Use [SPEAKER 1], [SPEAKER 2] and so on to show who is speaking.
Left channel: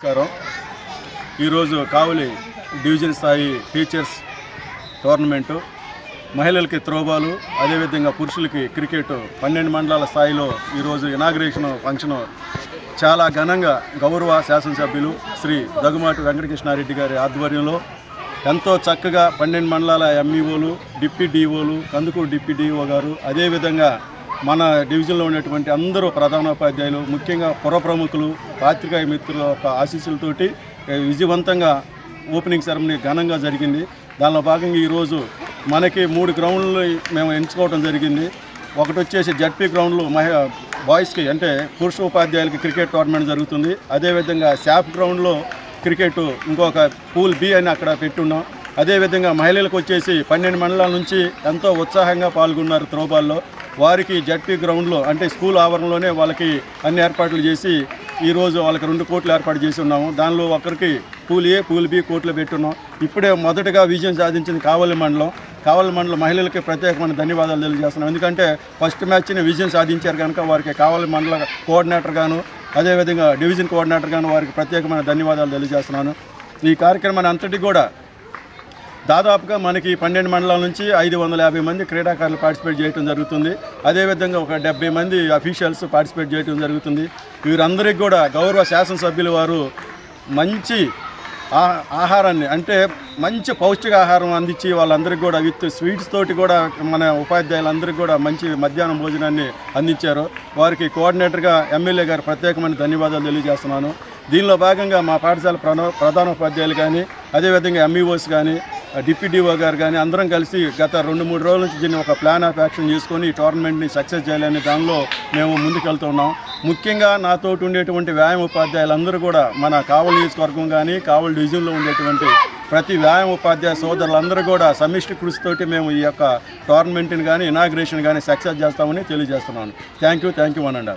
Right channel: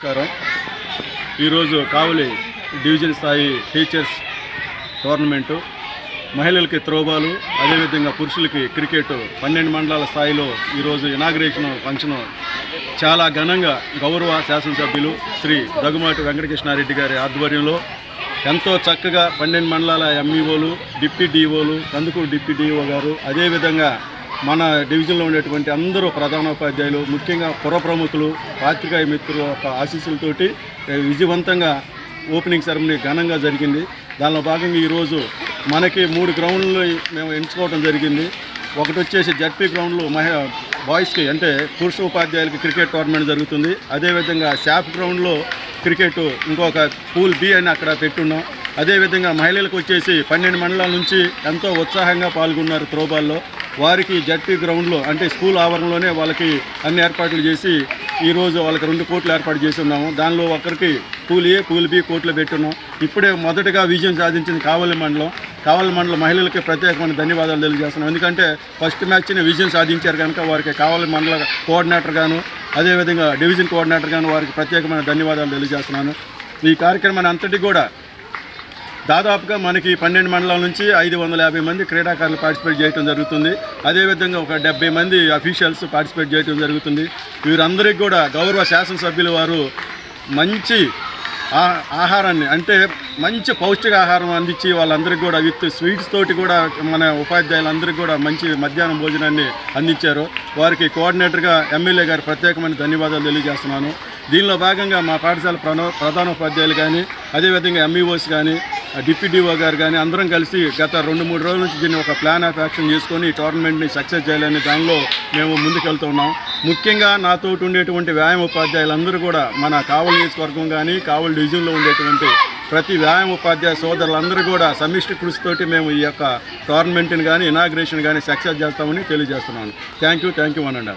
[SPEAKER 1] నమస్కారం. ఈరోజు కావలి డివిజన్ స్థాయి టీచర్స్ టోర్నమెంటు మహిళలకి త్రోబాలు అదేవిధంగా పురుషులకి క్రికెట్ పన్నెండు మండలాల స్థాయిలో ఈరోజు ఇనాగ్రేషన్ ఫంక్షన్ చాలా ఘనంగా గౌరవ శాసనసభ్యులు శ్రీ దగ్గుమాటి వెంకటకృష్ణారెడ్డి గారి ఆధ్వర్యంలో ఎంతో చక్కగా పన్నెండు మండలాల ఎంఈఓలు డిప్యూటీ డిఓలు కందుకూరు డిప్యూటీ డిఓ గారు అదేవిధంగా మన డివిజన్లో ఉండేటువంటి అందరూ ప్రధానోపాధ్యాయులు ముఖ్యంగా పుర ప్రముఖులు పాత్రికాయ మిత్రుల యొక్క ఆశీస్సులతోటి విజయవంతంగా ఓపెనింగ్ సెరమనీ ఘనంగా జరిగింది. దానిలో భాగంగా ఈరోజు మనకి మూడు గ్రౌండ్లు మేము ఎంచుకోవడం జరిగింది. ఒకటి వచ్చేసి జడ్పీ గ్రౌండ్లు మహి బాయ్స్కి అంటే పురుష ఉపాధ్యాయులకి క్రికెట్ టోర్నమెంట్ జరుగుతుంది. అదేవిధంగా శాప్ గ్రౌండ్లో క్రికెట్ ఇంకొక పూల్ బి అని అక్కడ పెట్టున్నాం. అదేవిధంగా మహిళలకు వచ్చేసి పన్నెండు మండలాల నుంచి ఎంతో ఉత్సాహంగా పాల్గొన్నారు త్రోబాల్లో వారికి జడ్పీ గ్రౌండ్లో అంటే స్కూల్ ఆవరణలోనే వాళ్ళకి అన్ని ఏర్పాట్లు చేసి ఈరోజు వాళ్ళకి రెండు కోట్లు ఏర్పాటు చేసి ఉన్నాము. దానిలో ఒకరికి పూల్ ఏ పూల్ బి కోట్లు పెట్టున్నాం. ఇప్పుడే మొదటగా విజయం సాధించింది కావలి మండలం. కావలి మండలం మహిళలకి ప్రత్యేకమైన ధన్యవాదాలు తెలియజేస్తున్నాం. ఎందుకంటే ఫస్ట్ మ్యాచ్ని విజయం సాధించారు కనుక వారికి కావలి మండల కోఆర్డినేటర్ గాను అదేవిధంగా డివిజన్ కోఆర్డినేటర్ గాను వారికి ప్రత్యేకమైన ధన్యవాదాలు తెలియజేస్తున్నాను. ఈ కార్యక్రమాన్ని అంతటి కూడా దాదాపుగా మనకి పన్నెండు మండలాల నుంచి ఐదు వందల యాభై మంది క్రీడాకారులు పార్టిసిపేట్ చేయడం జరుగుతుంది. అదేవిధంగా ఒక డెబ్బై మంది అఫీషియల్స్ పార్టిసిపేట్ చేయడం జరుగుతుంది. వీరందరికీ కూడా గౌరవ శాసనసభ్యులు వారు మంచి ఆహారాన్ని అంటే మంచి పౌష్టికాహారం అందించి వాళ్ళందరికీ కూడా విత్ స్వీట్స్ తోటి కూడా మన ఉపాధ్యాయులందరికీ కూడా మంచి మధ్యాహ్నం భోజనాన్ని అందించారు. వారికి కోఆర్డినేటర్గా ఎమ్మెల్యే గారు ప్రత్యేకమైన ధన్యవాదాలు తెలియజేస్తున్నాను. దీనిలో భాగంగా మా పాఠశాల ప్రధాన ప్రధానోపాధ్యాయులు కానీ అదేవిధంగా ఎంఈఓస్ కానీ డిప్యూటీఓ గారు కానీ అందరం కలిసి గత రెండు మూడు రోజుల నుంచి దీన్ని ఒక ప్లాన్ ఆఫ్ యాక్షన్ చేసుకొని ఈ టోర్నమెంట్ని సక్సెస్ చేయాలని దానిలో మేము ముందుకెళ్తున్నాం. ముఖ్యంగా నాతో ఉండేటువంటి వ్యాయామ ఉపాధ్యాయులందరూ కూడా మన కావలి నియోజకవర్గం కానీ కావలి డివిజన్లో ఉండేటువంటి ప్రతి వ్యాయామ ఉపాధ్యాయ సోదరులందరూ కూడా సమిష్టి కృషితోటి మేము ఈ యొక్క టోర్నమెంట్ని కానీ ఇనాగ్రేషన్ కానీ సక్సెస్ చేస్తామని తెలియజేస్తున్నాను. థ్యాంక్ యూ థ్యాంక్ యూ అనండి